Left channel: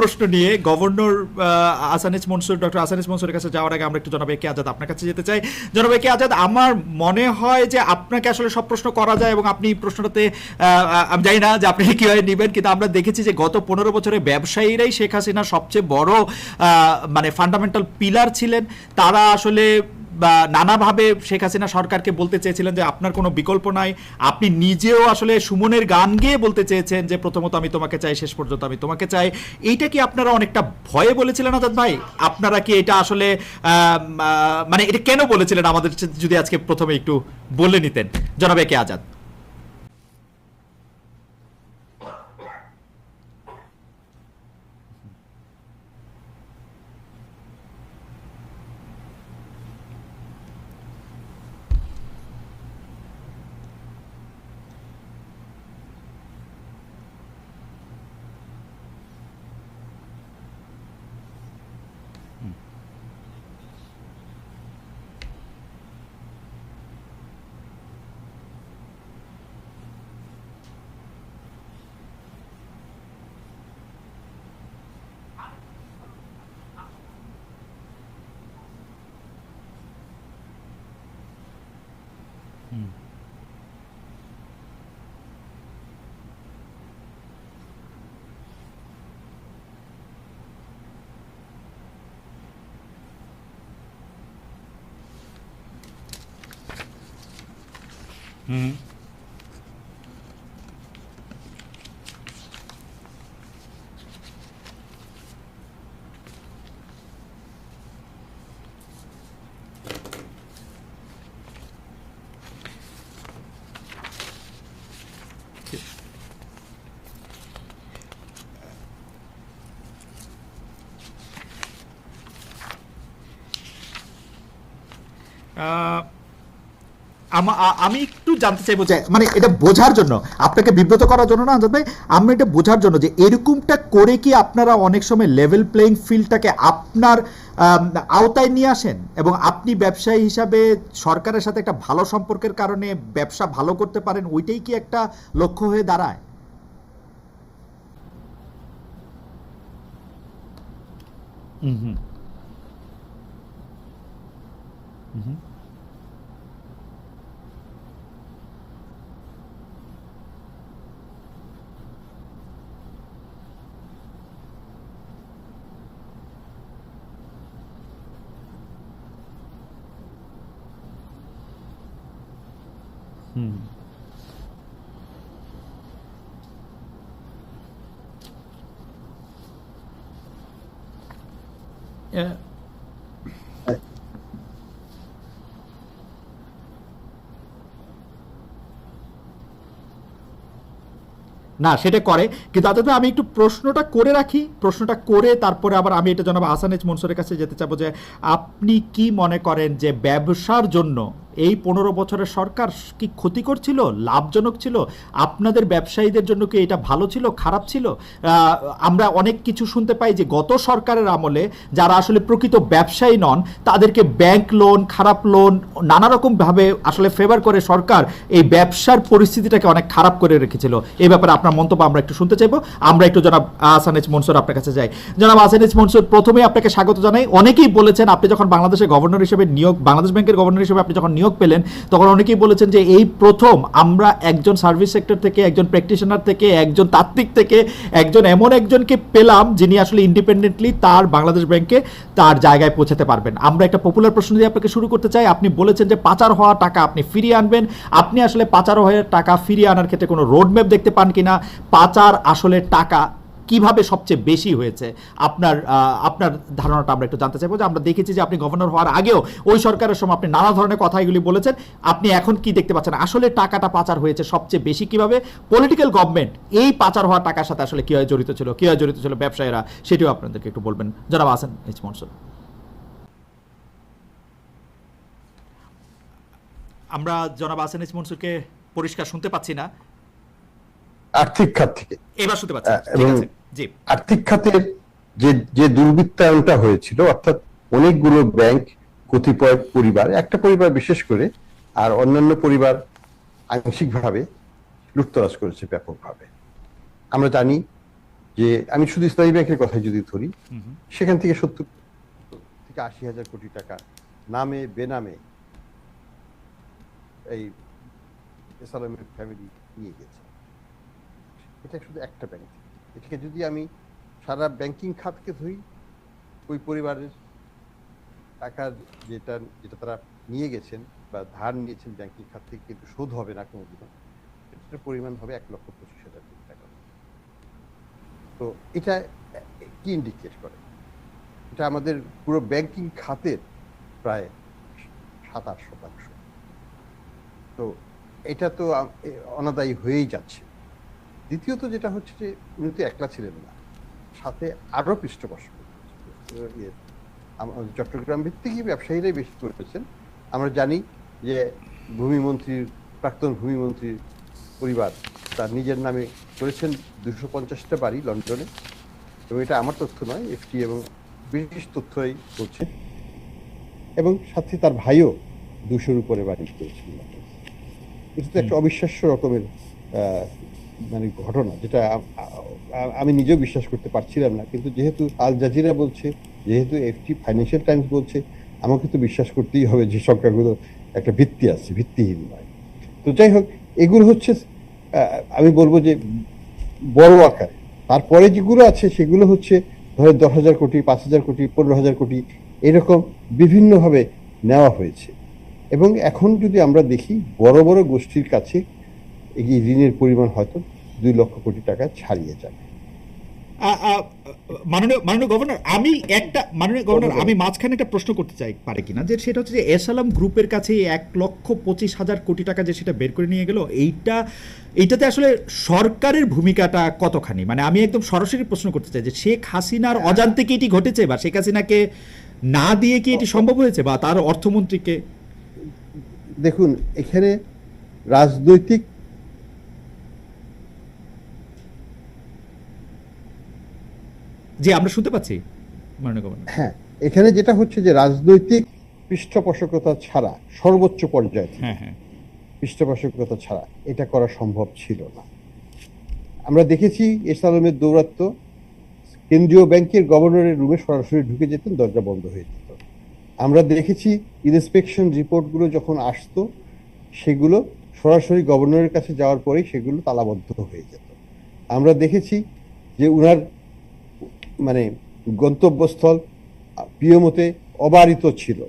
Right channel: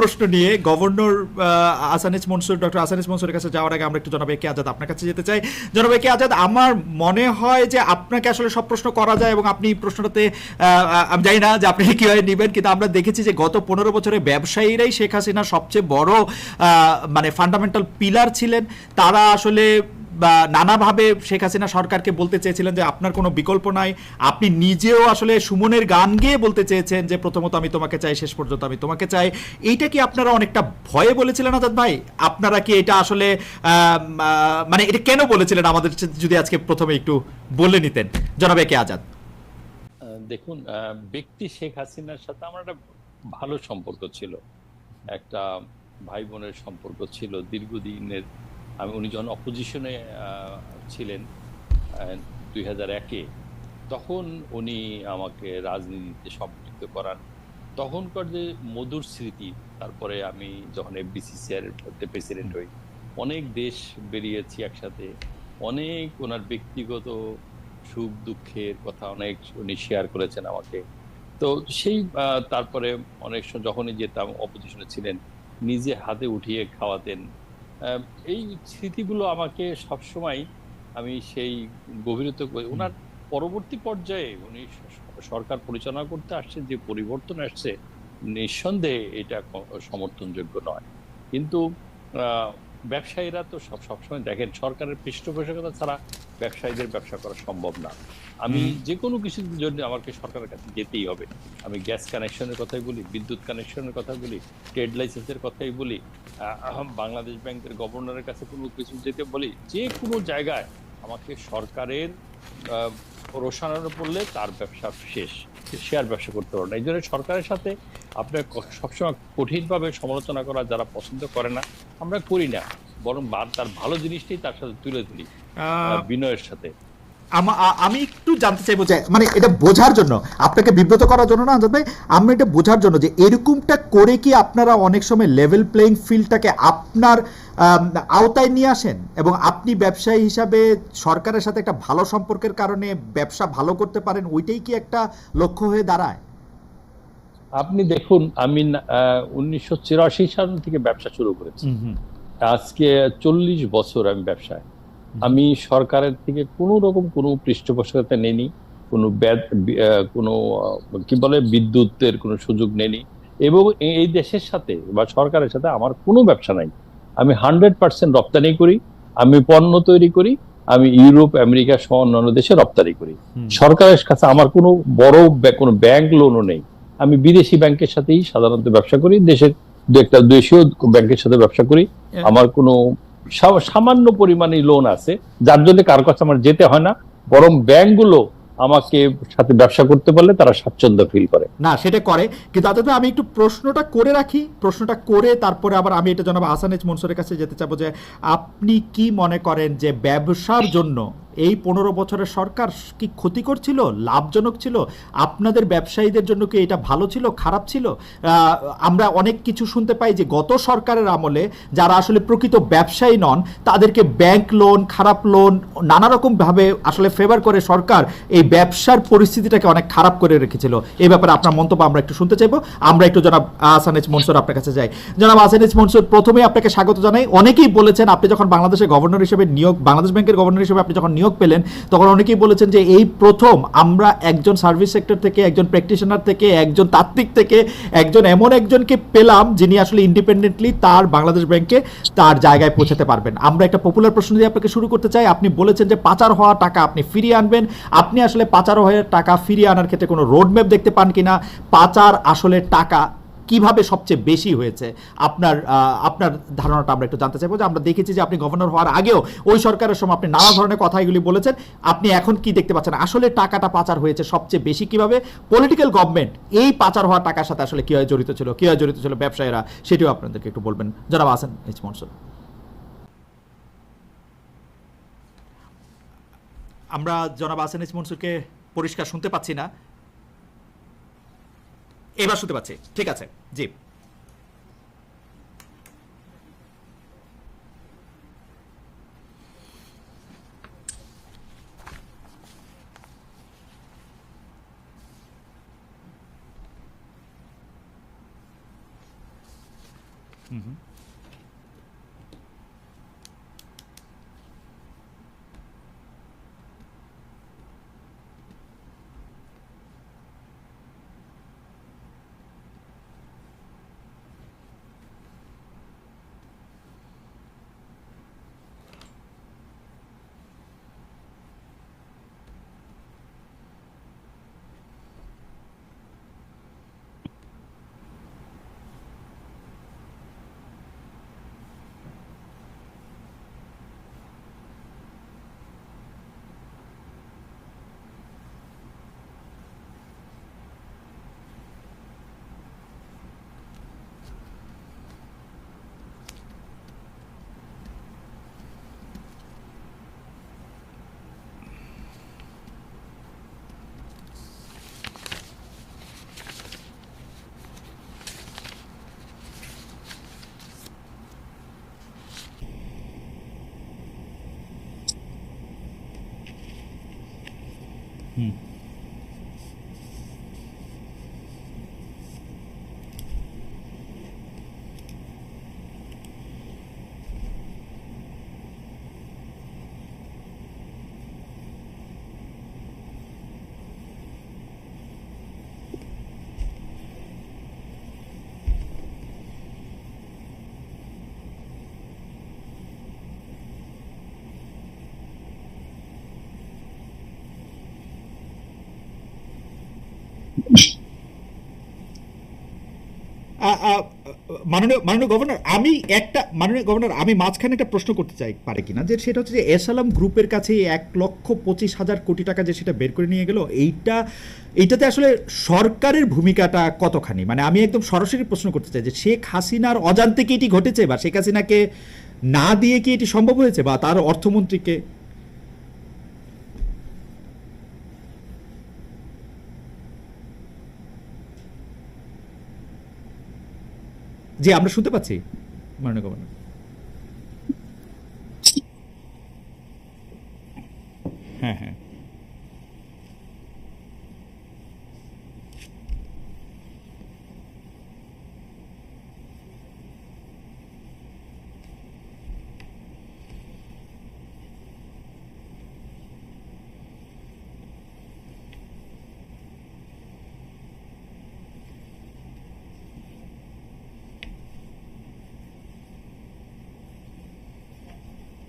প্রশ্ন নিয়ে governor আসানিস Mansur, doctor আসানিস মনসুরের কাছে যাওয়ার আগে আমরা একটু জনাব একে আজাদ আপনার কাছে যেতে চাই। জনাব একে আজাদ, আমার মনে হয় যে আপনাকে আসলে সব প্রশ্ন করা যায় এবং আপনি প্রশ্নটাতে আমি জানি না যে আপনি কীভাবে নেবেন, কিন্তু আমরা দেখেছি যে গত পনেরো বছরে ব্যবসায়ীরাই শেখ হাসিনার সবচেয়ে বড় মানে ফান্ডামেন্টাল পিলার ছিলেন। তারা আসলে নানাভাবে শেখ হাসিনা সরকারকে বলতে চেয়েছিলেন যে আপনার কোনো বিকল্প নাই। আপনি নিজেও আসলে সুমনের গান গেয়ে বলতে চেয়েছেন যে প্রথমত আমি তোমাকে চাই, শেষ পর্যন্ত আমি তোমাকে চাই। এইটা কি আপনারা অনেকটা ভয়ে বলেছিলেন আজাদ ভাই? আপনারা কি এটা আসলে মানে এটা কেন বলেছিলেন আমাদের যদি আজকে প্রথমে একটু বলে নিতেন? জনাবে কে আজাদ? দেখুন ব্যক্তি শেখ হাসিনার সাথে আমার একটা ভালো সম্পর্ক ছিল। একটা ভাই বোনের সম্পর্ক ছিল, দীর্ঘদিনের আমি উনি যখন অপোজিশনে ছিলেন দুই হাজার একে তখন উনি আমাকে রাজনীতিতে সম্পৃক্ত করান। তখনকার যে মধুর স্মৃতি তারপরে আমি যখন এফবিসিসিআর প্রেসিডেন্ট হই অনেক দেশ বেরিয়েছি একসাথে। অনেক ওনার ব্যক্তিগত সুখ দুঃখের কথা অনেক উনি শেয়ার করেছেন আমাকে। তো সেই তারপরে অনেক সময় যখনই যেতাম অপোজিশনে ছিলেন নিজে হাতে উঠিয়ে খাওয়াতেন এই স্মৃতিগুলো আমাকে সবসময় আমি সেই গভীরত করি ওনার পরবর্তী পর্যায়ে উনি সরকার পরিচালনা করতে আসছেন যে পরিবর্তন আসছে নিঃসন্দেহে এটা সমর্থনযোগ্য নয়। কিন্তু ব্যবসায়ীরা তো সব সবসময় দেখেন সরকারের পৃষ্ঠপোষকতা ছাড়া ব্যবসায়ীদের ব্যবসা করা সম্ভব না আমি। যে কোনো কিছুর জন্য আমাকে সরকারের কাছে যেতেই হবে আমি গ্যাস কানেকশনের কথাই বলি বিদ্যুৎ কানেকশনের কথা বলি ট্রেড লাইসেন্সের কথাই বলি বাংলাদেশ ব্যাংকের গভর্নরের কাছে কোনো কিছু যেতে বলি যে কোনো জায়গায় আমাকে সরকারের আহ, রোশানানো পড়লে তার ব্যবসা শেষ। শেয়ার ব্যবসা করতে পারবে না। এই জন্য সরকারের সাথে আপনার সবসময় কঠিনভাবে সমালোচনা করা যারা পছন্দ করে না আমরা করি না। বরং তার ভালো জিনিসটাই তার সাথে তুলে ধরি বিনয়ের সাথে। আমা- জানতে চাইব যে মানে এটা বোঝার জন্য আপনাকে বিব্রত করার জন্য না আজাদ ভাই আমি এটা বোঝার জন্য যে এরকমটা করে কি আপনারা অনেক সময় লেভেল প্লেইং ফিল্ডটাকে আপনার আওতায় নিয়ে আসেন? এবং আপনি ব্যবসায়ী হিসাবে সরকারের সাথে একটা ভালো সম্পর্কের কারণে ব্যবসা ভালো করতে পারেন ওইটাই কি একটা লক্ষ্য হয়ে দাঁড়ায়? আপনি দেখুন আমি উনিশশো চিরাশি সাল থেকে ব্যবসা শুরু করেছি। আজকে চল্লিশ বছর আমি ব্যবসায়। আমি সরকারের থেকে কোনো রকম কোনো পৃষ্ঠপোষকতা নেনি কোনো কোনো কি বলে বিদ্যুতের কোনো সুযোগ নেনি এবং এই- দেশের সাথে বা সরকারের সাথে আমার কোনো ব্যবসা নাই। আমি হান্ড্রেড পার্সেন্ট রপ্তানি করি আমি পণ্য তৈরি করি আমি ইউরোপ আমেরিকা সহ অন্যান্য দেশে রপ্তানি করি। সরকারের কাছে আমার কোনো বড় কোনো ব্যাংক লোনও নেই। আমি বিদেশি ব্যাংকের সাথেই সাধারণত ব্যবসা করি দেশের দু একটা দেশীয় ব্যাংকের সাথে ব্যবসা করি। আমার কোনো সামান্য পরিমাণে লোন আছে। যার জন্য কারও কাছে আমার যেতে হয় না। বরং ব্যাংকগুলো আমাকে সাথে ব্যবসা করতে পারলে তারা স্বাচ্ছন্দ্য ফিল করে। না, সেটা করে। কিন্তু আদত আমি একটু প্রশ্নটা করে রাখি। প্রশ্নটা করে তারপরে আবার আমি এটা জানাব আসানেজ মনসুরের কাছে যেতে চাবো যে, আপনি কি মনে করেন যে ব্যবসার জন্য এই পনেরো বছরের সরকার কি ক্ষতি করছিল? লাভজনক ছিল? আপনাদের ব্যবসায়ীদের জন্য কি এটা ভালো ছিল? খারাপ ছিল? আমরা অনেক কিছু শুনতে পাই যে গত সরকারের আমলে যারা আসলে প্রকৃত ব্যবসায়ী নন, তাদেরকে ব্যাংক লোন, খারাপ লোন, নানা রকম ভাবে আসলে ফেভার করে সরকার এই ব্যবসার পরিস্থিতিটাকে অনেক খারাপ করে রেখেছিল। এই ব্যাপারে আপনার মন্তব্য আমরা একটু শুনতে চাইব। আমরা একটু জনাব আসানেজ মনসুর আপনার কাছে যাই। জনাব আসানেজ মনসুর, প্রথমে আপনাকে স্বাগত জানাই। অনেকেই বলেছেন, আপনি যখন বাংলাদেশের গভর্নর হিসেবে নিয়োগ, বাংলাদেশ ব্যাংকের গভর্নর হিসেবে আপনি যখন নিয়োগ পেলেন, তখন অনেকেই বলেছেন যে এই প্রথম আমরা একজন সার্ভিস সেক্টর থেকে, একজন প্র্যাকটিশনার থেকে, একজন তাত্ত্বিক থেকে, একজন এমন একজনকে পেলাম যিনি আসলে ইন্ডিপেন্ডেন্টলি তার বাংলাদেশ ব্যাংকে তার জায়গায় পৌঁছাতে পারবেন। আমরা একটা পপুলার প্রশ্ন দিয়ে আপনাকে শুরু করতে চাই। আপনি বলেছেন যে পাচার হওয়া টাকা আপনি ফিরিয়ে আনবেন। আপনি আসলে পাচার হওয়ার টাকা ফিরিয়ে আনার ক্ষেত্রে কোনো রোডম্যাপ দেখতে পান কিনা? পাচার আসলে টাকা কীভাবে সবচেয়ে বেশি হয়েছে? আপনার আপনার ধারণাটা আমরা একটু জানতে চাইব যে আমরা দেখেছি যে আপনি গভর্নর হওয়ার আগেও ওই সরকারের সময় আপনি নানা ধরনের কথা এগুলি বলেছেন। আপনি এখন কি দেখতে পাচ্ছেন? আসলে টাকাটা পাচার হয়েছে সবচেয়ে বেশি কীভাবে? পলিটিক্যাল গভর্নমেন্ট এই পাচার হওয়া টাকার সাথে আসলে কীভাবে জড়িত ছিল? কীভাবে জড়িত ছিল ব্যবসায়ীরা? সেটিও আপনাদেরকে একটু বলবেন। যারা আছেন এইচ মনসুর। আমরা জনাব আসান এইচ মনসুরকে পরিষ্কার শুনতে পাচ্ছি না। আর্থিক খাত থেকে। এবার শুনতে পাচ্ছি। ঠিক আছে। আর্থিক খাতের যে যে দুর্বৃত্তায়নটা হয়েছিল অর্থাৎ অনেকগুলো ব্যাংক কতিপয় পরিবার একটা পরিবার বিশেষ করে আর অন্যান্য পরিবার আংশিকভাবে লুটতরাজ করেছে ব্যাপকভাবে। আমরা জানি যে আমি শুধু ইসলামী ব্যাংকের কথা যদি ধরি। সেখান থেকে সত্তর থেকে আশি হাজার কোটি টাকা নামে বেনামে এই সালামের ফ্যামিলি নিয়ে গেছে। এটা শুধু একটা ব্যাংক। এটাকে যদি আমি সারা ব্যাংকিং খাতকে ধরি ওই পরিবারের টাকার যেটা যেটা তারা নিয়ে গেছেন বা ধার নিয়েছেন ব্যাংকিং খাত থেকে কিন্তু শোধ হবে না কোনো এটার পরিমাণ হবে এক লক্ষ পঁচিশ হাজার টাকা। তো এটা কি ইন্ডিকেট করে? এটা আমাদের পুরো ব্যাংকিং খাতের প্রায় সাত সাতাশ শতাংশ। তো এটা তো অনাদায়ী হয়েই যাচ্ছে। দ্বিতীয়ত যেটা হচ্ছে যে উনি তো একলা ছিলেন না। সাথে আরও পৃষ্ঠপোষক। ইয়ে, চট্টগ্রাম ভিত্তিকই ব্যবসায়ীরাই বেশি করেছেন। আমরা জানি যে ভূমিমন্ত্রীর প্রাক্তন ভূমিমন্ত্রীর পরিবার তার নিজের নামে করেছেন দুশো পঞ্চাশটা বাড়ি লন্ডনে। এবং এটা আমার তথ্য নয় এফটি এবং ব্রিটিশ তথ্যই করছে এবং সাথে তার ভাইও দুশোর উপরে বাড়ি পেয়েছিল। এটা একটা অবিশ্বাস্য রকমের মানে ঘটনা, যেটা আমি নিজেও বিশ্বাস করতে পারছিলাম না। কিন্তু যেহেতু আল জাজিরা বলছে, যেহেতু একটি ফাইন্যান্সিয়াল টাইমস বলছে, আমাকে তো বিশ্বাস করতেই হবে যে সংখ্যাগুলো একটা ভিত্তি আছে, ভিত্তিহীন নয়। তো যাই হোক, এগুলো হচ্ছে আমি বলব যে বড় আকার। তারপরে যেগুলো আছে, সেগুলো হচ্ছে ধরেন দশ হাজার কোটি, পাঁচ হাজার কোটি, পনেরো হাজার কোটি, এরকম বিভিন্নভাবে নেওয়া হয়েছে। এবং এখন যদি আমরা দেখি, বড় বড় গোষ্ঠীর কাছে এই ঋণের পরিমাণ হয়তো দুই লক্ষ কোটি টাকা ছাড়িয়ে আ- মাননীয় মাননীয় গভর্নর আমি একটা মাননীয় গভর্নর আমি মাঝখানে একটা প্রশ্ন করতে চাই পারে কিনা? যে সেটা হচ্ছে যে এসালাম গ্রুপের কাছে এক লক্ষ পঁচিশ হাজার কোটি টাকা যে সেটা বের করে নিয়ে গেল এইটা এইটাতে আসলে সরকারের ভূমিকাটা কতখানি? মানে আমি একদম সরাসরি প্রশ্ন করতে চাই যে শেখ হাসিনার অজান্তে কি এটি ঘটেছে বা শেখ হাসিনাকে না দিয়ে কি এটি সম্ভব হয়েছে বা তার অর্থমন্ত্রীকে? দেখুন এখানে রাজনৈতিক যে আমরা শুনতে পাচ্ছি মাননীয় গভর্নর। হ্যাঁ এখানে যেটা হচ্ছে যে রাজনৈতিক পৃষ্ঠপোষকতা ছাড়া সর্বোচ্চ পর্যায়ে হ্যাঁ হ্যাঁ। পৃষ্ঠপোষকতা ছাড়া এটা করা সম্ভব ছিল না। আমরা দেখেছি এসালমের দৌরাত্ম কেন্দ্রীয় ব্যাংকের গভর্নরের রুমে সরাসরি ঢুকে যেতেন দরজা বন্ধ হয়ে যেত। আমরা দেখেছি ইন্সপেকশন রিপোর্টগুলো যখন আসতো সেগুলো সরাসরি গভর্নরের কাছে যাওয়ার পরেই সেগুলো তালাবদ্ধ হয়ে যেত। আমরা দেখেছি যে উনার মানে গন্তব্যস্থল প্রিয়মতে অবারিত ছিল।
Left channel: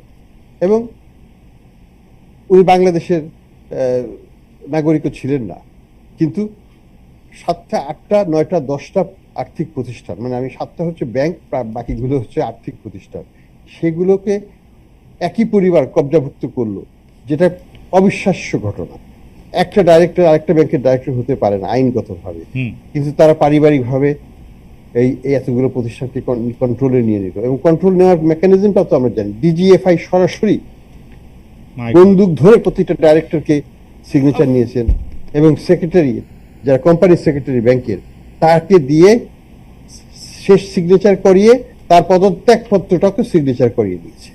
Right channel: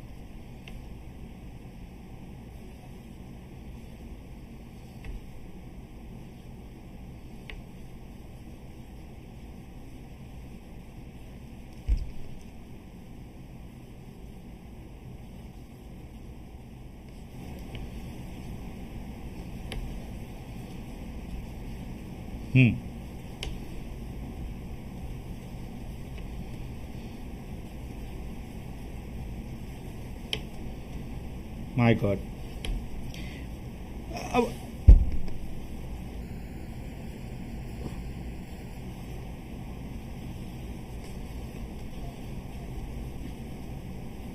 এবং উনি বাংলাদেশের নাগরিকও ছিলেন না। কিন্তু সাতটা আটটা নয়টা দশটা আর্থিক প্রতিষ্ঠান মানে আমি সাতটা হচ্ছে ব্যাংক বাকিগুলো হচ্ছে আর্থিক প্রতিষ্ঠান সেগুলোকে একই পরিবার কবজাভুক্ত করল যেটা অবিশ্বাস্য ঘটনা। একটা ডাইরেক্টর আরেকটা ব্যাংকের ডাইরেক্টর হতে পারে না আইনগতভাবে। কিন্তু তারা পারিবারিকভাবে এই এতগুলো প্রতিষ্ঠানকে কন্ট্রোলে নিয়ে নিল। এবং কন্ট্রোল নেওয়ার মেকানিজমটা তো আমরা জানি। ডিজিএফআই সরাসরি বন্দুক ধরে প্রতিটা ডাইরেক্টরকে সিগনেচার নিয়েছেন এবং সেক্রেটারি যারা কোম্পানি সেক্রেটারি ব্যাংকের তাকে দিয়ে শেষ সিগনেচার করিয়ে তার পদত্যাগ পত্রটাকে সিগনেচার করিয়ে দিয়েছে।